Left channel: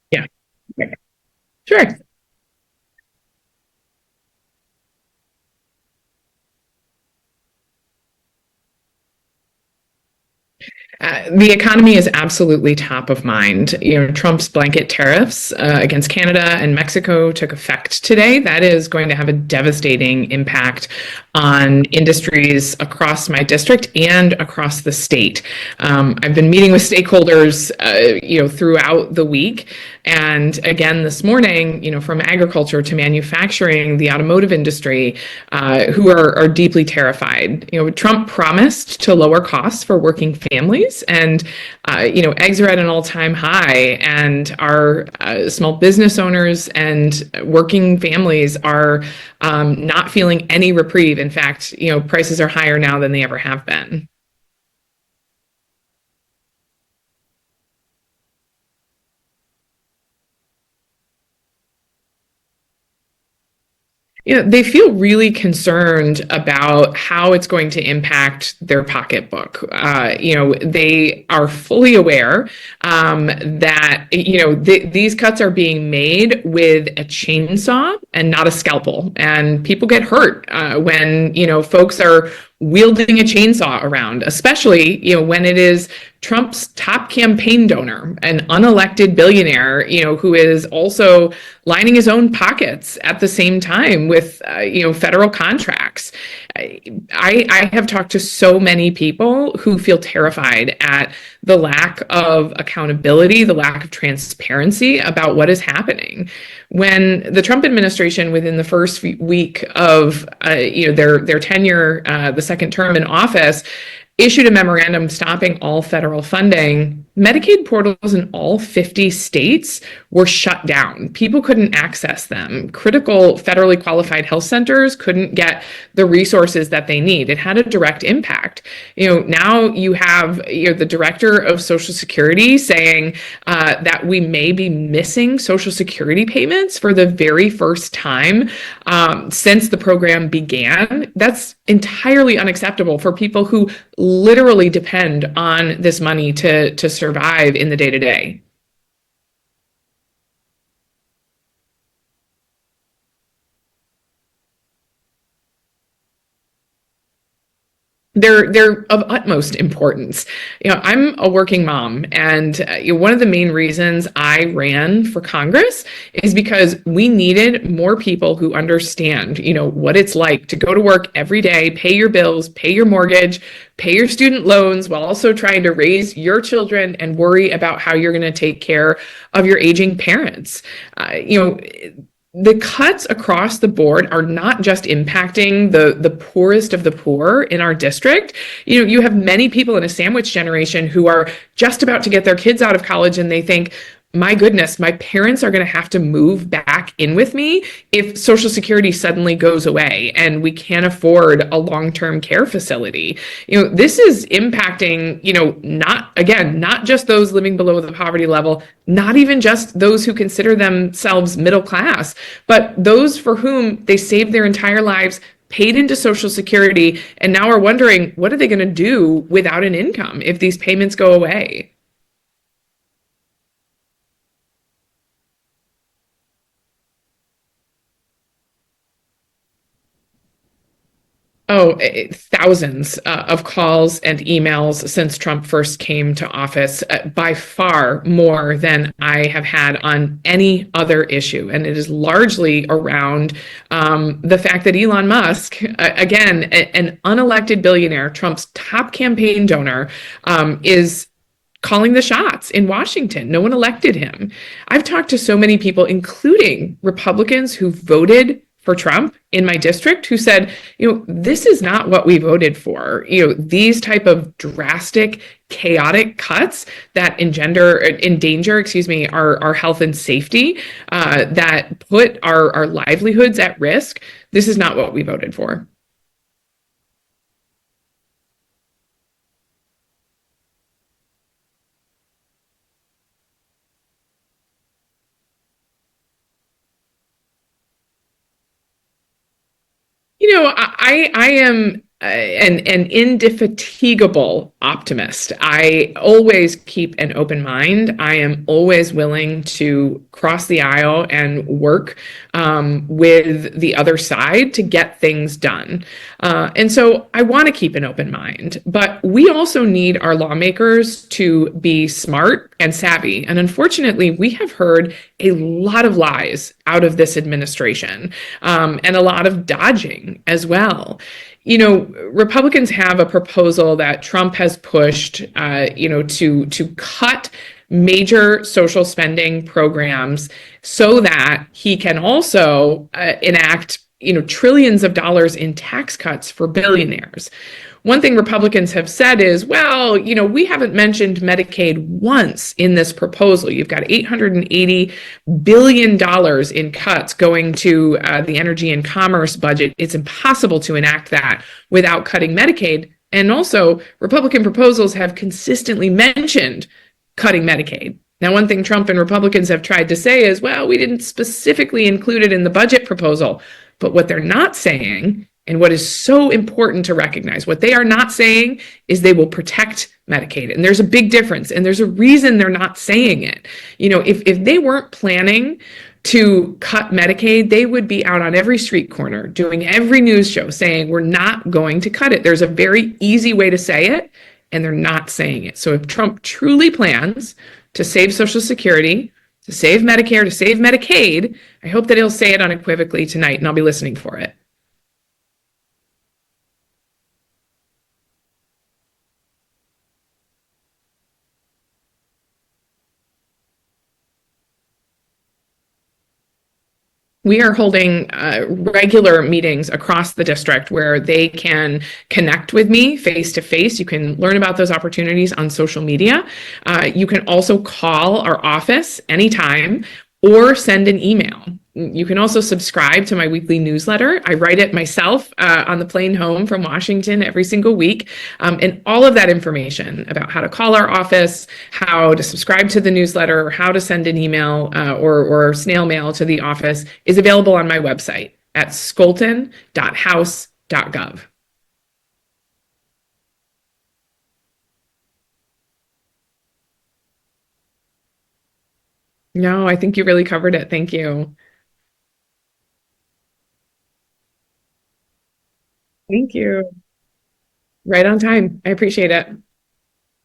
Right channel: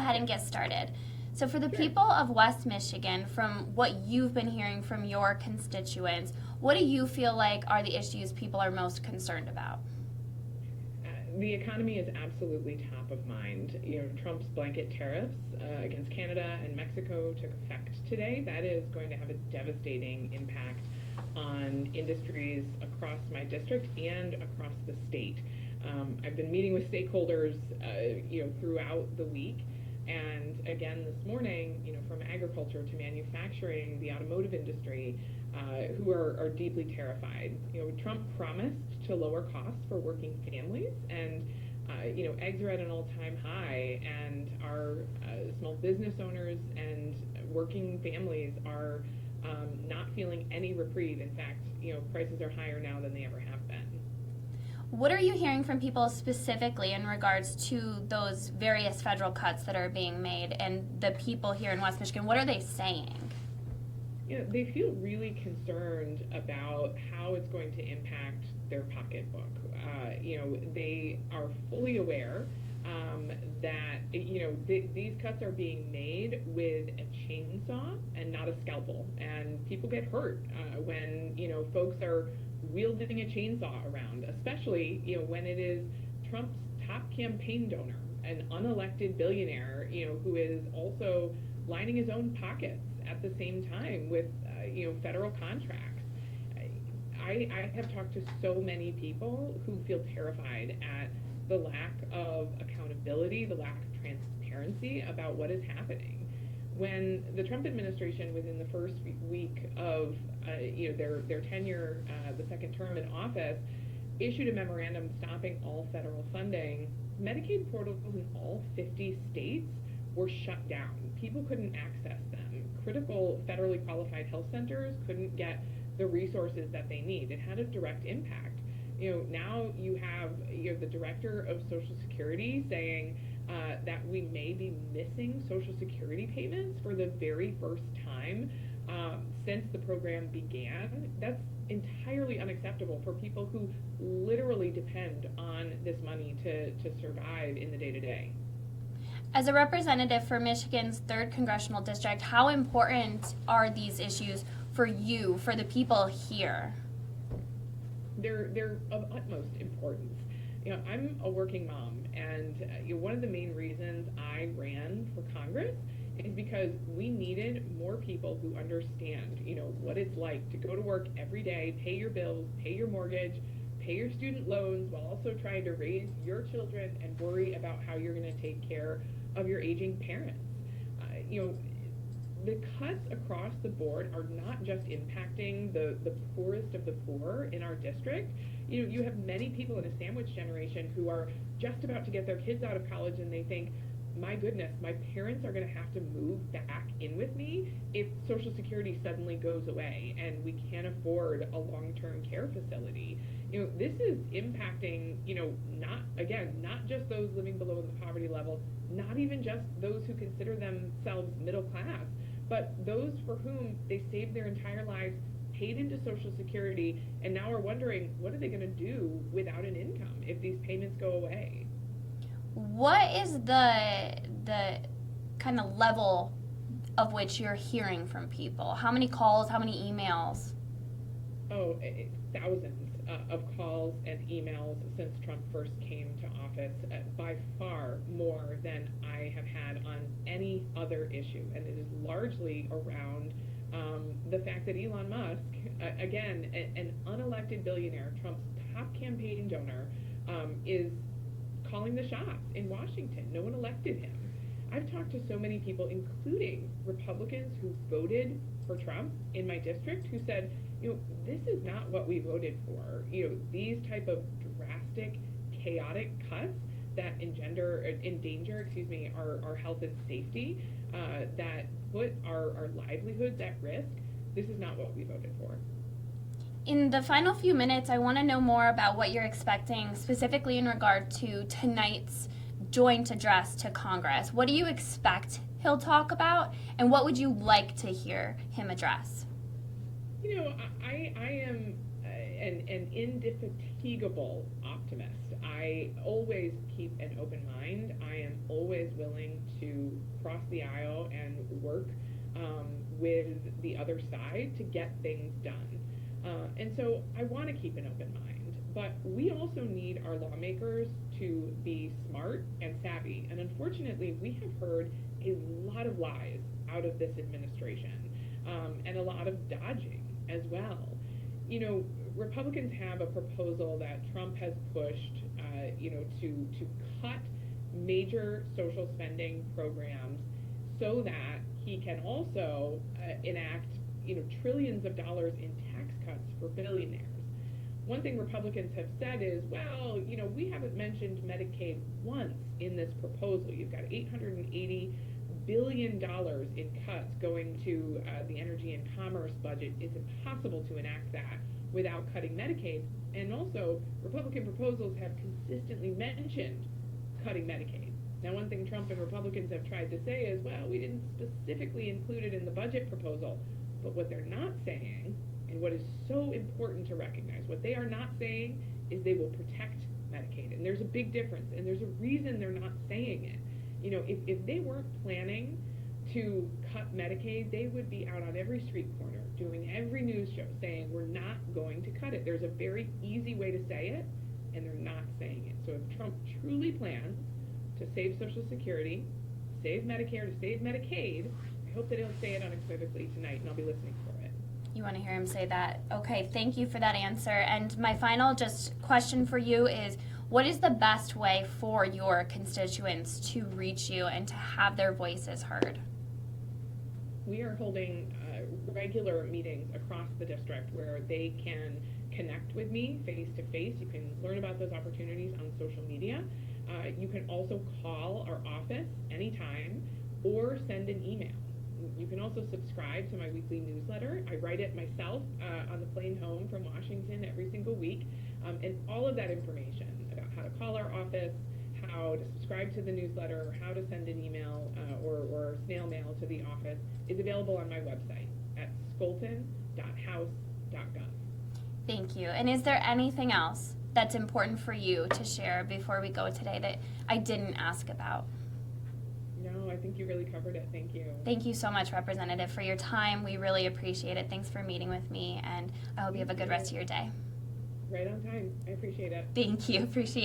ahead Yeah. and get started. So, for the Sure. people of West Michigan, from what you've been hearing from your constituents, what do you feel like are the issues people are most concerned about? The economy is absolutely top of mind. Trump's blanket tariffs against Canada and Mexico took effect today. That is going to have a devastating impact on industries across my district and across the state. I've been meeting with stakeholders, throughout the week, and again this morning, from agriculture to manufacturing, the automotive industry, who are deeply terrified. Trump promised to lower costs for working families, and eggs are at an all-time high, and our small business owners and working families are not feeling any reprieve. In fact, prices are higher now than they ever have been. What are you hearing from people specifically in regards to those various federal cuts that are being made and the people here in West Michigan? What are they saying? They feel really concerned about how it's going to impact their pocketbook. They are fully aware that these cuts are being made with a chainsaw and not a scalpel, and people get hurt when folks are wielding a chainsaw around, especially when it is Trump's top campaign donor, an unelected billionaire, who is also lining his own pockets at the same time with federal contracts. I have talked to so many people who feel terrified at the lack of accountability, the lack of transparency about what is happening. When the Trump administration, within the first week of their tenure, the second term in office, issued a memorandum stopping all federal funding, Medicaid portals in all 50 states were shut down. People couldn't access them. Critical federally qualified health centers couldn't get the resources that they need. It had a direct impact. Now you have the director of Social Security saying that we may be missing Social Security payments for the very first time since the program began. That's entirely unacceptable for people who literally depend on this money to survive in the day-to-day. As a representative for Michigan's 3rd Congressional District, how important are these issues for you, for the people here? They're of utmost importance. I'm a working mom, and one of the main reasons I ran for Congress is because we needed more people who understand, what it's like to go to work every day, pay your bills, pay your mortgage, pay your student loans, while also trying to raise your children and worry about how you're going to take care of your aging parents. The cuts across the board are not just impacting the poorest of the poor in our district. You have many people in a sandwich generation who are just about to get their kids out of college, and they think, my goodness, my parents are going to have to move back in with me if Social Security suddenly goes away and we can't afford a long-term care facility. This is impacting, not just those living below the poverty level, not even just those who consider themselves middle class, but those for whom they saved their entire lives, paid into Social Security, and now are wondering, what are they going to do without an income if these payments go away? What is the kind of level of which you're hearing from people? How many calls, how many emails? Oh, thousands of calls and emails since Trump first came to office, by far more than I have had on any other issue. And it is largely around the fact that Elon Musk, again, an unelected billionaire, Trump's top campaign donor, is calling the shots in Washington. No one elected him. I've talked to so many people, including Republicans who voted for Trump in my district, who said, this is not what we voted for. These type of drastic, chaotic cuts that endanger, our health and safety, that put our livelihoods at risk. This is not what we voted for. In the final few minutes, I want to know more about what you're expecting, specifically in regard to tonight's joint address to Congress. What do you expect he'll talk about, and what would you like to hear him address? I am an indefatigable optimist. I always keep an open mind. I am always willing to cross the aisle and work with the other side to get things done. And so I want to keep an open mind, but we also need our lawmakers to be smart and savvy. And unfortunately, we have heard a lot of lies out of this administration, and a lot of dodging as well. Republicans have a proposal that Trump has pushed, to cut major social spending programs so that he can also enact, trillions of dollars in tax cuts for billionaires. One thing Republicans have said is, well, we haven't mentioned Medicaid once in this proposal. You've got $880 billion in cuts going to the energy and commerce budget. It's impossible to enact that without cutting Medicaid. And also, Republican proposals have consistently mentioned cutting Medicaid. Now, one thing Trump and Republicans have tried to say is, well, we didn't specifically include it in the budget proposal. But what they're not saying, and what is so important to recognize, what they are not saying is they will protect Medicaid. And there's a big difference. And there's a reason they're not saying it. If they weren't planning to cut Medicaid, they would be out on every street corner doing every news show saying, we're not going to cut it. There's a very easy way to say it, and they're not saying it. So if Trump truly plans to save Social Security, to save Medicare, to save Medicaid, I hope that he'll say it unequivocally tonight, and I'll be listening for it. You want to hear him say that? Okay, thank you for that answer. And my final just question for you is, what is the best way for your constituents to reach you and to have their voices heard? We are holding regular meetings across the district where they can connect with me face to face. You can learn about those opportunities on social media. You can also call our office anytime or send an email. You can also subscribe to my weekly newsletter. I write it myself on the plane home from Washington every single week. And all of that information about how to call our office, how to subscribe to the newsletter, how to send an email or snail mail to the office is available on my website at scholten.house.gov. Thank you. And is there anything else that's important for you to share before we go today that I didn't ask about? No, I think you really covered it. Thank you. Thank you so much, Representative, for your time. We really appreciate it. Thanks for meeting with me, and I hope Thank you have a good you. rest of your day. Right on time. I appreciate it. Thank you. Appreciate